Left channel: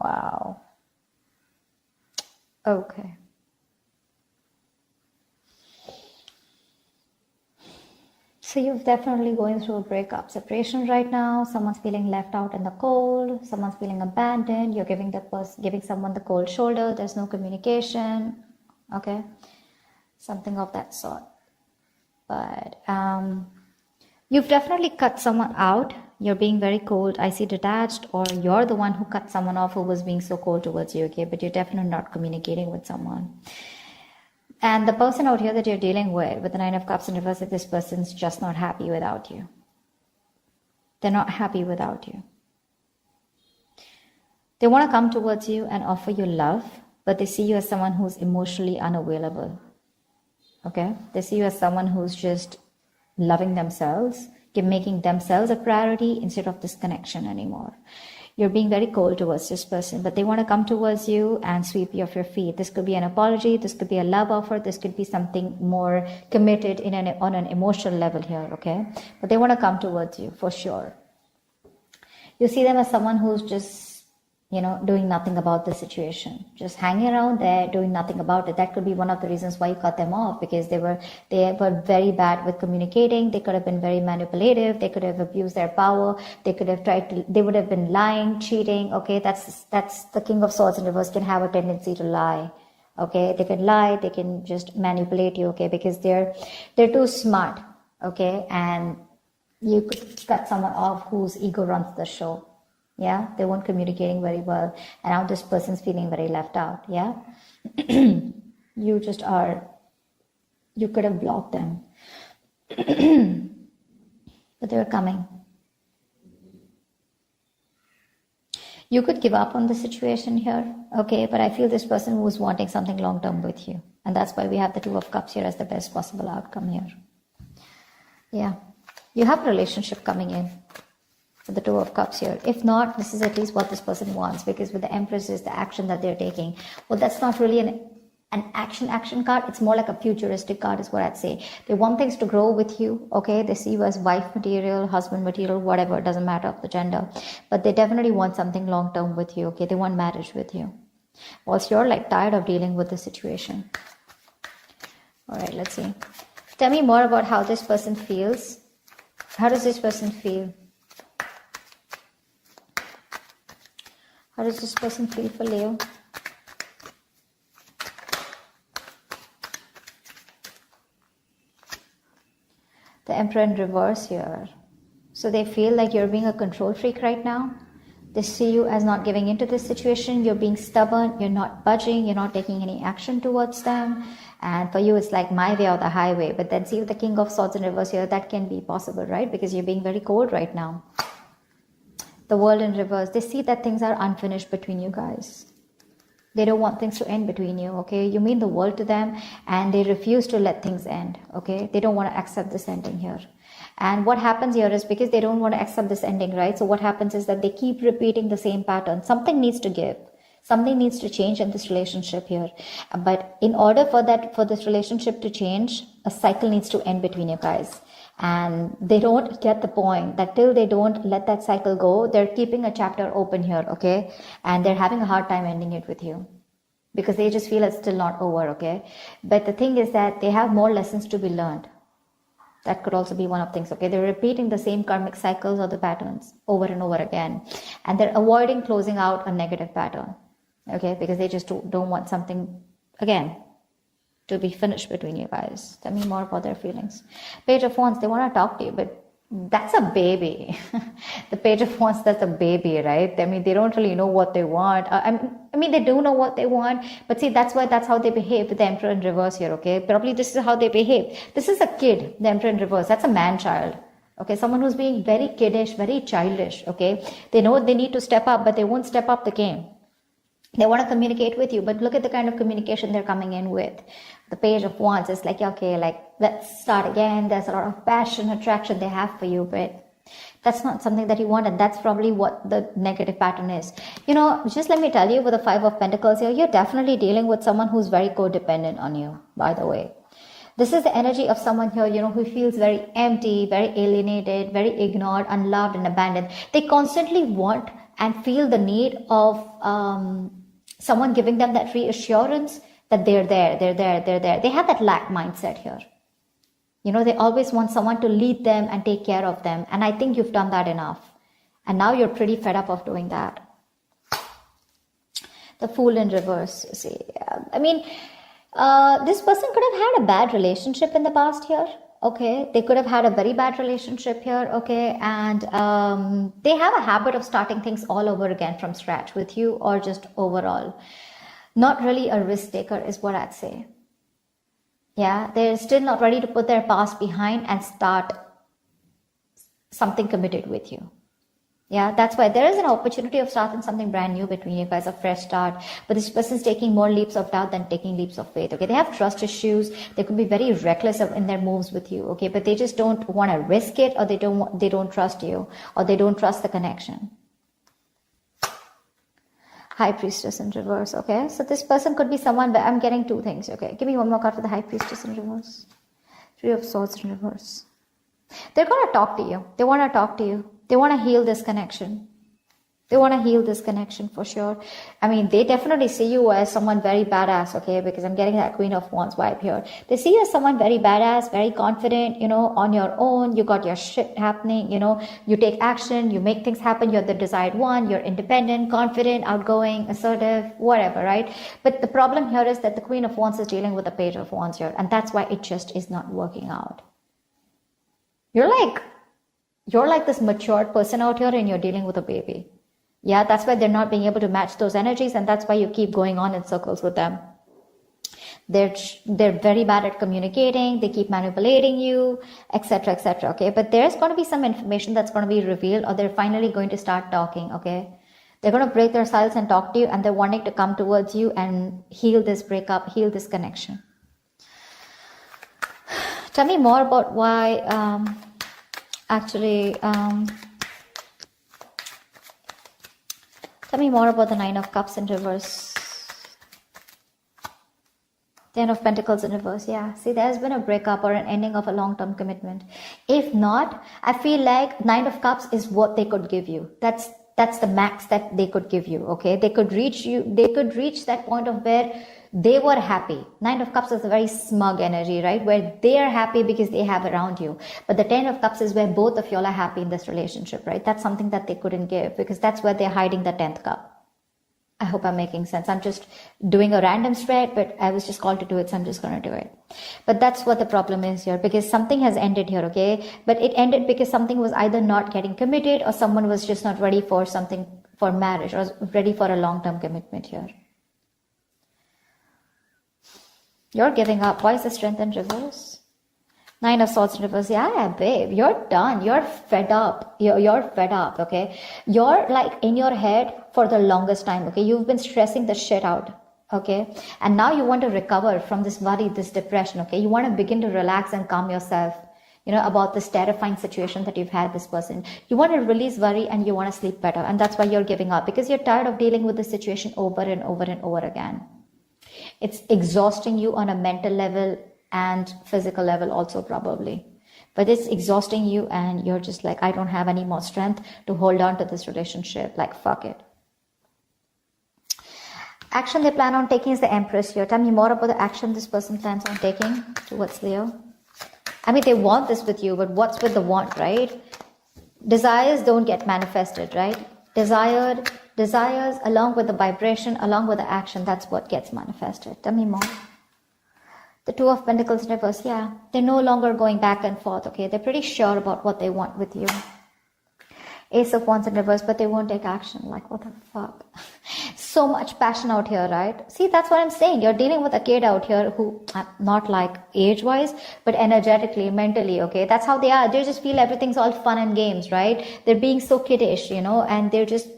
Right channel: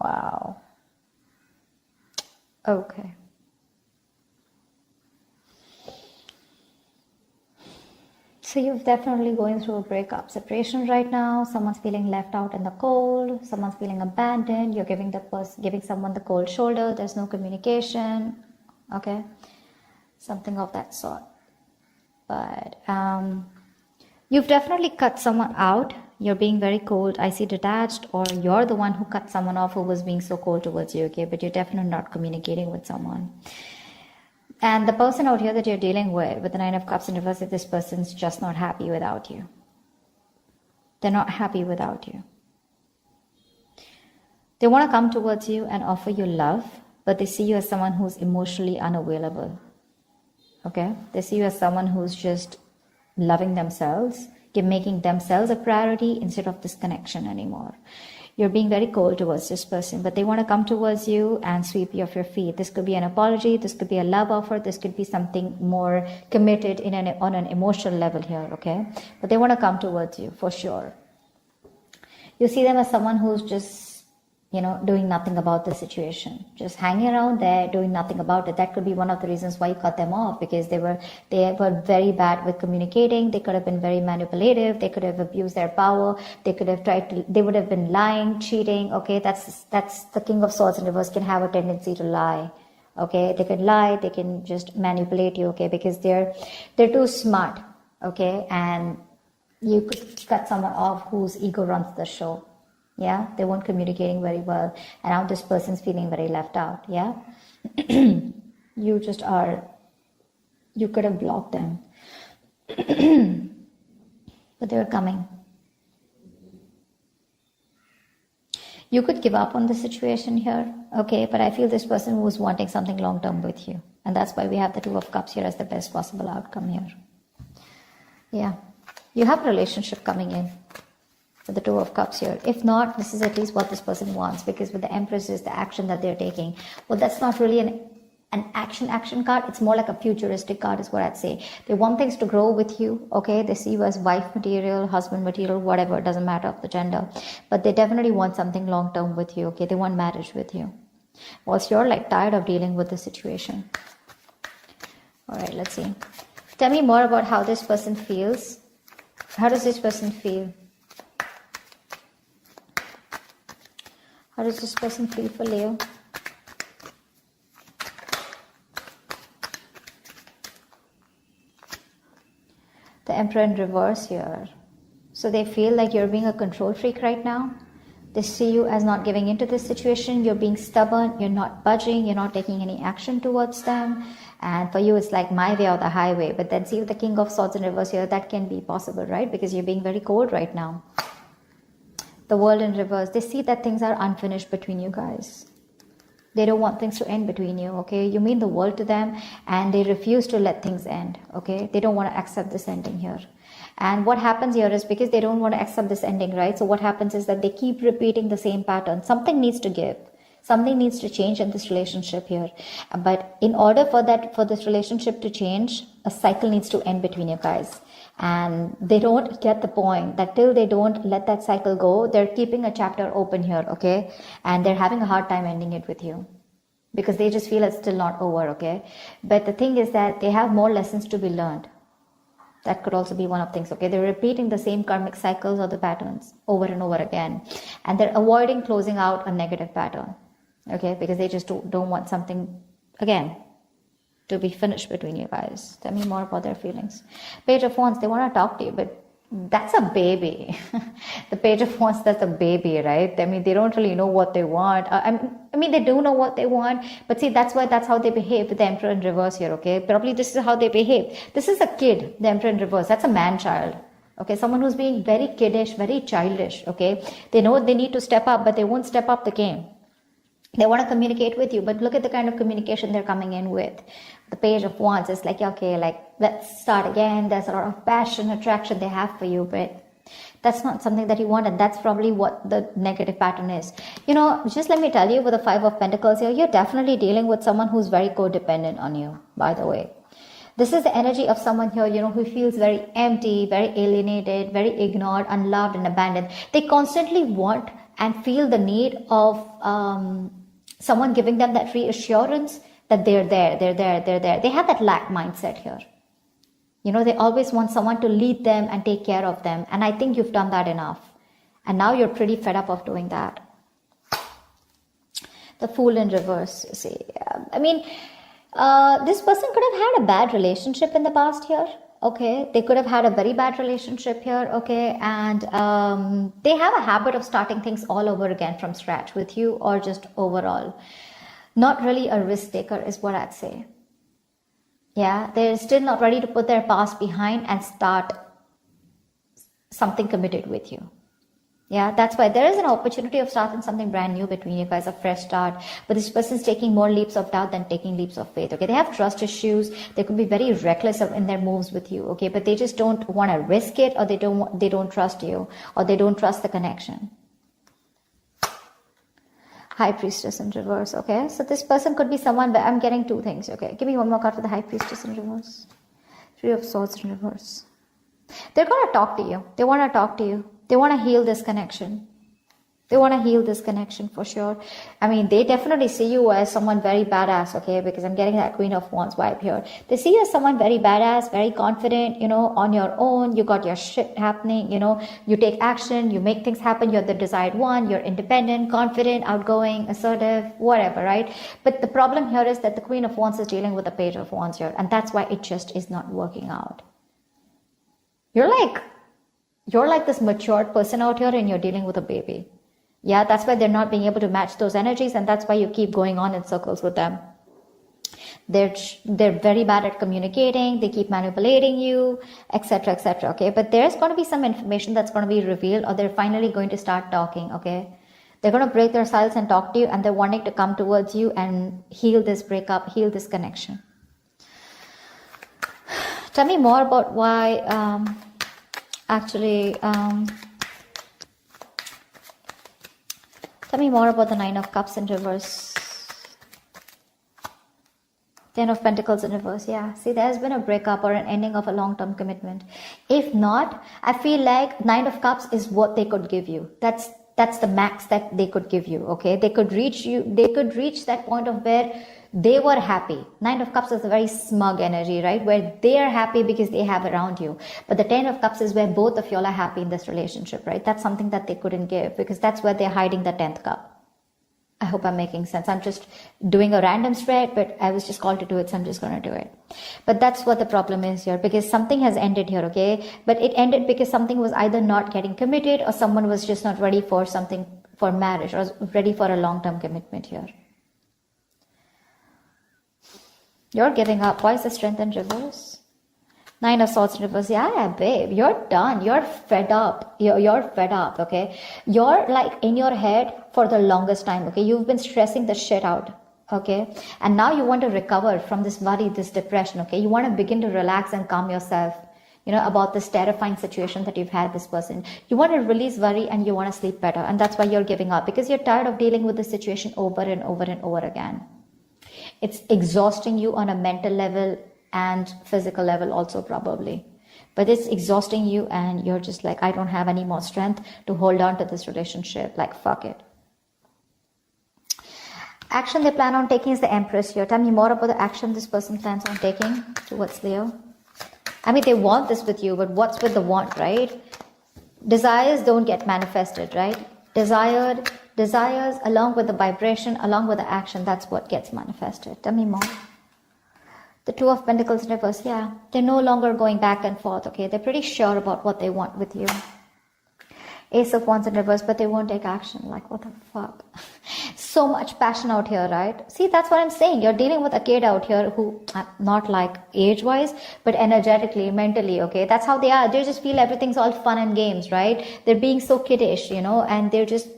Wow. Okay. So you're definitely going through a breakup, separation right now. Someone's feeling left out in the cold. Someone's feeling abandoned. You're giving someone the cold shoulder. There's no communication. Okay, something of that sort. But you've definitely cut someone out. You're being very cold. I see detached, or you're the one who cut someone off who was being so cold towards you. Okay, but you're definitely not communicating with someone. And the person out here that you're dealing with the Nine of Cups in reverse, this person's just not happy without you. They're not happy without you. They want to come towards you and offer you love, but they see you as someone who's emotionally unavailable. Okay? They see you as someone who's just loving themselves, making themselves a priority instead of this connection anymore. You're being very cold towards this person, but they want to come towards you and sweep you off your feet. This could be an apology, this could be a love offer, this could be something more committed on an emotional level here, okay? But they want to come towards you for sure. You see them as someone who's just, doing nothing about the situation, just hanging around there, doing nothing about it. That could be one of the reasons why you cut them off, because they were very bad at communicating. They could have been very manipulative. They could have abused their power. They would have been lying, cheating. Okay, that's the King of Swords in reverse can have a tendency to lie. Okay, they can lie. They can just manipulate you. Okay, because they're too smart. Okay, and you could cut someone off whose ego runs the show. Yeah, they weren't communicating very well, and now this person's feeling very left out. Yeah, you could have blocked them, but they're coming. You could give up on the situation here, okay, but I feel this person was wanting something long-term with you, and that's why we have the Two of Cups here as the best possible outcome here. Yeah, you have a relationship coming in. The Two of Cups here. If not, this is at least what this person wants, because with the Empress is the action that they're taking. Well, that's not really an action card. It's more like a futuristic card is what I'd say. They want things to grow with you, okay? They see you as wife material, husband material, whatever. It doesn't matter of the gender. But they definitely want something long-term with you, okay? They want marriage with you. Whilst you're tired of dealing with the situation. All right, let's see. Tell me more about how this person feels. How does this person feel? How does this person feel for Leo? The Emperor in reverse here. So they feel like you're being a control freak right now. They see you as not giving into this situation. You're being stubborn. You're not budging. You're not taking any action towards them. And for you, it's like my way or the highway. But then see with the King of Swords in reverse here, that can be possible, right? Because you're being very cold right now. The World in reverse, they see that things are unfinished between you guys. They don't want things to end between you, okay? You mean the world to them, and they refuse to let things end, okay? They don't want to accept this ending here. And what happens here is because they don't want to accept this ending, right? So what happens is that they keep repeating the same pattern. Something needs to give. Something needs to change in this relationship here. But in order for this relationship to change, a cycle needs to end between you guys. And they don't get the point that till they don't let that cycle go, they're keeping a chapter open here, okay? And they're having a hard time ending it with you because they just feel it's still not over, okay? But the thing is that they have more lessons to be learned. That could also be one of things, okay? They're repeating the same karmic cycles or the patterns over and over again. And they're avoiding closing out a negative pattern, okay? Because they just don't want something, again, to be finished between you guys. Tell me more about their feelings. Page of Wands, they want to talk to you, but that's a baby. The Page of Wands, that's a baby, right? I mean, they don't really know what they want. I mean, they do know what they want, but see, that's how they behave with the Emperor in reverse here, okay? Probably this is how they behave. This is a kid, the Emperor in reverse. That's a man-child. Okay, someone who's being very kiddish, very childish, okay? They know they need to step up, but they won't step up the game. They want to communicate with you, but look at the kind of communication they're coming in with. The Page of Wands is like, okay, let's start again. There's a lot of passion, attraction they have for you, but that's not something that you want, and that's probably what the negative pattern is. Just let me tell you, with the Five of Pentacles here, you're definitely dealing with someone who's very codependent on you, by the way. This is the energy of someone here, who feels very empty, very alienated, very ignored, unloved, and abandoned. They constantly want and feel the need of someone giving them that reassurance that they're there. They have that lack mindset here. You know, they always want someone to lead them and take care of them. And I think you've done that enough. And now you're pretty fed up of doing that. The Fool in reverse, you see. I mean, this person could have had a bad relationship in the past here. Okay, they could have had a very bad relationship here. Okay, and they have a habit of starting things all over again from scratch with you, or just overall. Not really a risk taker is what I'd say. Yeah, they're still not ready to put their past behind and start something committed with you. Yeah, that's why there is an opportunity of starting something brand new between you guys, a fresh start. But this person is taking more leaps of doubt than taking leaps of faith. Okay, they have trust issues. They could be very reckless in their moves with you. Okay, but they just don't want to risk it, or they don't trust you, or they don't trust the connection. High Priestess in reverse. Okay, so this person could be someone, but I'm getting two things. Okay, give me one more card for the High Priestess in reverse. Three of Swords in reverse. They're going to talk to you. They want to talk to you. They want to heal this connection. They want to heal this connection for sure. I mean, they definitely see you as someone very badass, okay? Because I'm getting that Queen of Wands vibe here. They see you as someone very badass, very confident, you know, on your own. You got your shit happening, you know. You take action, you make things happen. You're the desired one. You're independent, confident, outgoing, assertive, whatever, right? But the problem here is that the Queen of Wands is dealing with the Page of Wands here. And that's why it just is not working out. You're like this matured person out here, and you're dealing with a baby. Yeah, that's why they're not being able to match those energies, and that's why you keep going on in circles with them. They're very bad at communicating. They keep manipulating you, etc., etc. Okay, but there's going to be some information that's going to be revealed, or they're finally going to start talking. Okay, they're going to break their silence and talk to you, and they're wanting to come towards you and heal this breakup, heal this connection. Tell me more about why. Tell me more about the Nine of Cups in reverse. Ten of Pentacles in reverse. Yeah, see, there's been a breakup or an ending of a long-term commitment. If not, I feel like Nine of Cups is what they could give you. That's the max that they could give you. Okay, they could reach that point of where they were happy. Nine of Cups is a very smug energy, right? Where they are happy because they have around you. But the Ten of Cups is where both of y'all are happy in this relationship, right? That's something that they couldn't give, because that's where they're hiding the 10th cup. I hope I'm making sense. I'm just doing a random spread, but I was just called to do it, so I'm just going to do it. But that's what the problem is here, because something has ended here, okay? But it ended because something was either not getting committed, or someone was just not ready for something, for marriage, or ready for a long-term commitment here. You're giving up. Why is the Strength in reverse? Nine of Swords reverse. Yeah, babe, you're done. You're fed up. You're fed up, okay? You're like in your head for the longest time, okay? You've been stressing the shit out, okay? And now you want to recover from this worry, this depression, okay? You want to begin to relax and calm yourself, you know, about this terrifying situation that you've had this person. You want to release worry, and you want to sleep better. And that's why you're giving up, because you're tired of dealing with this situation over and over and over again. It's exhausting you on a mental level and physical level also, probably. But it's exhausting you, and you're just like, I don't have any more strength to hold on to this relationship. Like, fuck it. Action they plan on taking is the Empress here. Tell me more about the action this person plans on taking towards Leo. I mean, they want this with you, but what's with the want, right? Desires don't get manifested, right? Desires along with the vibration, along with the action, that's what gets manifested. Tell me more. The Two of Pentacles reverse. Yeah, they're no longer going back and forth, okay? They're pretty sure about what they want with you. Ace of Wands in reverse, but they won't take action. Like, what the fuck? So much passion out here, right? See, that's what I'm saying. You're dealing with a kid out here who, not like age-wise, but energetically, mentally, okay? That's how they are. They just feel everything's all fun and games, right? They're being so kiddish, you know, and they're just,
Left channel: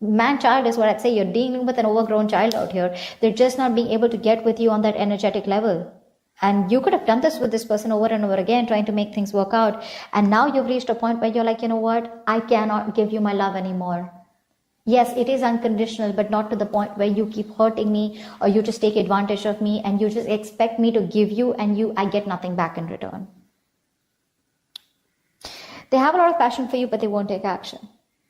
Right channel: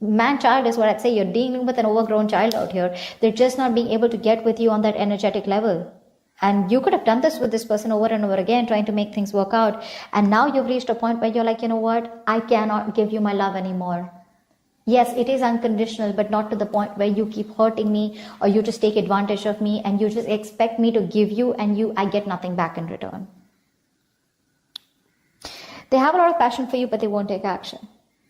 man-child is what I'd say. You're dealing with an overgrown child out here. They're just not being able to get with you on that energetic level. And you could have done this with this person over and over again, trying to make things work out. And now you've reached a point where you're like, you know what? I cannot give you my love anymore. Yes, it is unconditional, but not to the point where you keep hurting me, or you just take advantage of me and you just expect me to give you, and I get nothing back in return. They have a lot of passion for you, but they won't take action.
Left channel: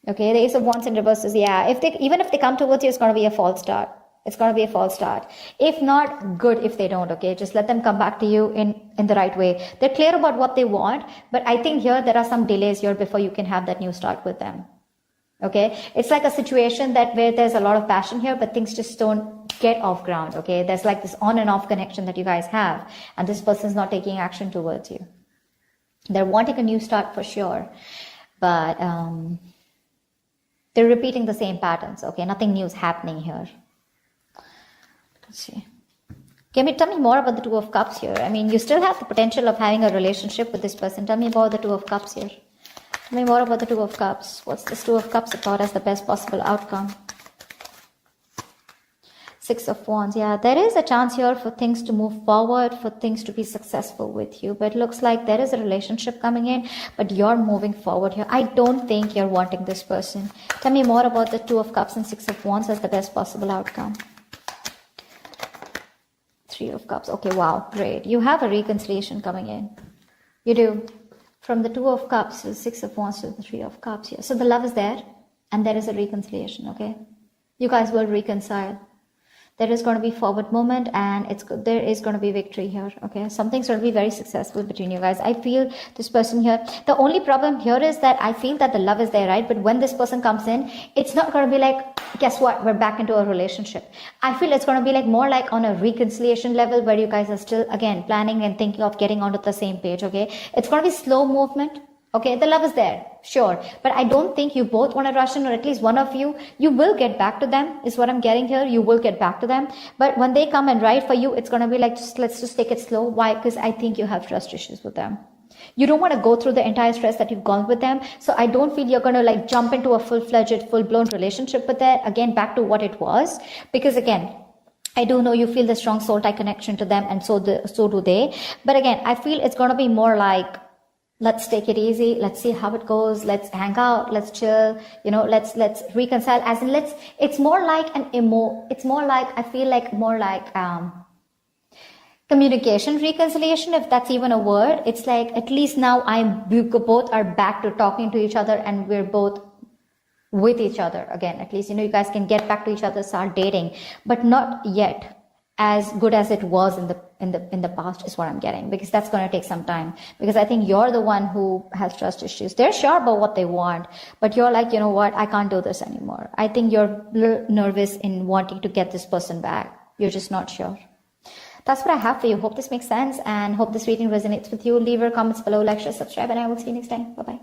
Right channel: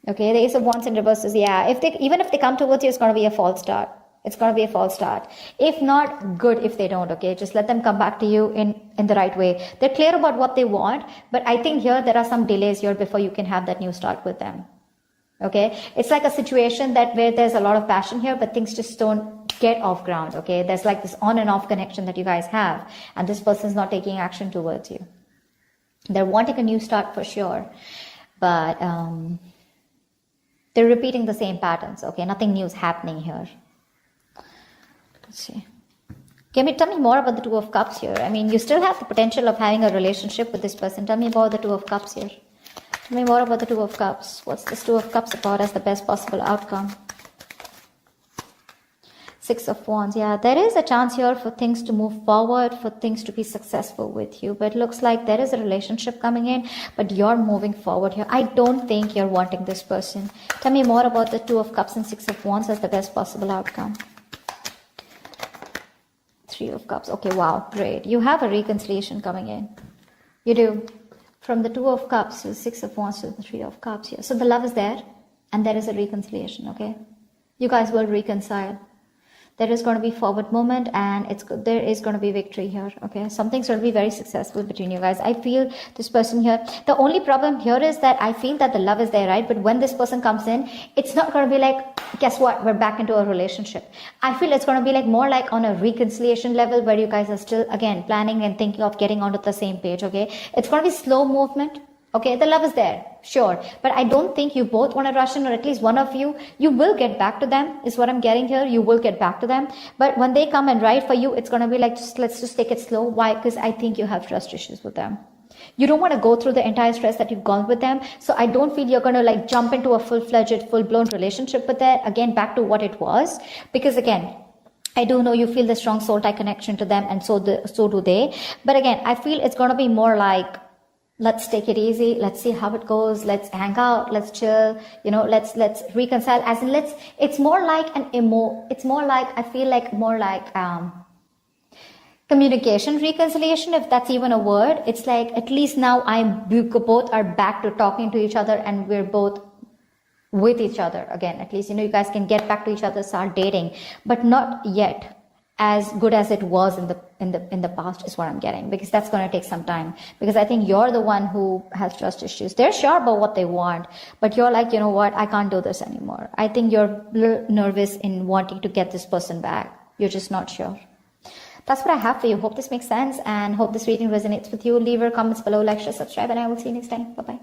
Okay, the Ace of Wands in reverse is, yeah, even if they come towards you, it's going to be a false start. It's going to be a false start. If not, good if they don't, okay? Just let them come back to you in the right way. They're clear about what they want, but I think here there are some delays here before you can have that new start with them. Okay? It's like a situation that where there's a lot of passion here, but things just don't get off ground, okay? There's like this on and off connection that you guys have, and this person's not taking action towards you. They're wanting a new start for sure, but they're repeating the same patterns, okay? Nothing new is happening here. Let's see. Tell me more about the Two of Cups here. I mean, you still have the potential of having a relationship with this person. Tell me about the Two of Cups here. Tell me more about the Two of Cups. What's this Two of Cups about as the best possible outcome? Six of Wands. Yeah, there is a chance here for things to move forward, for things to be successful with you. But it looks like there is a relationship coming in, but you're moving forward here. I don't think you're wanting this person. Tell me more about the Two of Cups and Six of Wands as the best possible outcome. Three of Cups. Okay, wow, great. You have a reconciliation coming in. You do. From the Two of Cups to the Six of Wands to the Three of Cups here. So the love is there, and there is a reconciliation, okay? You guys will reconcile. There is going to be forward movement, and there is going to be victory here, okay? Something's going to be very successful between you guys. I feel this person here. The only problem here is that I feel that the love is there, right? But when this person comes in, it's not going to be like, guess what? We're back into a relationship. I feel it's going to be like more like on a reconciliation level where you guys are still, again, planning and thinking of getting onto the same page, okay? It's going to be slow movement. Okay, the love is there, sure. But I don't think you both want to rush in, or at least one of you will get back to them, is what I'm getting here. You will get back to them. But when they come and write for you, it's going to be like, let's just take it slow. Why? Because I think you have trust issues with them. You don't want to go through the entire stress that you've gone with them. So I don't feel you're going to like jump into a full-fledged, full-blown relationship with that. Again, back to what it was. Because again, I don't know, you feel the strong soul tie connection to them, and so do they. But again, I feel it's going to be more like, let's take it easy. Let's see how it goes. Let's hang out. Let's chill. You know, let's reconcile. As in, it's more like it's more like, I feel like more like, communication reconciliation, if that's even a word. It's like, at least now we both are back to talking to each other, and we're both with each other again. At least, you know, you guys can get back to each other, start dating, but not yet as good as it was in the past, is what I'm getting, because that's going to take some time. Because I think you're the one who has trust issues. They're sure about what they want, but you're like, you know what, I can't do this anymore. I think you're a little nervous in wanting to get this person back. You're just not sure. That's what I have for you. Hope this makes sense, and hope this reading resonates with you. Leave your comments below, like, share, subscribe, and I will see you next time. Bye bye.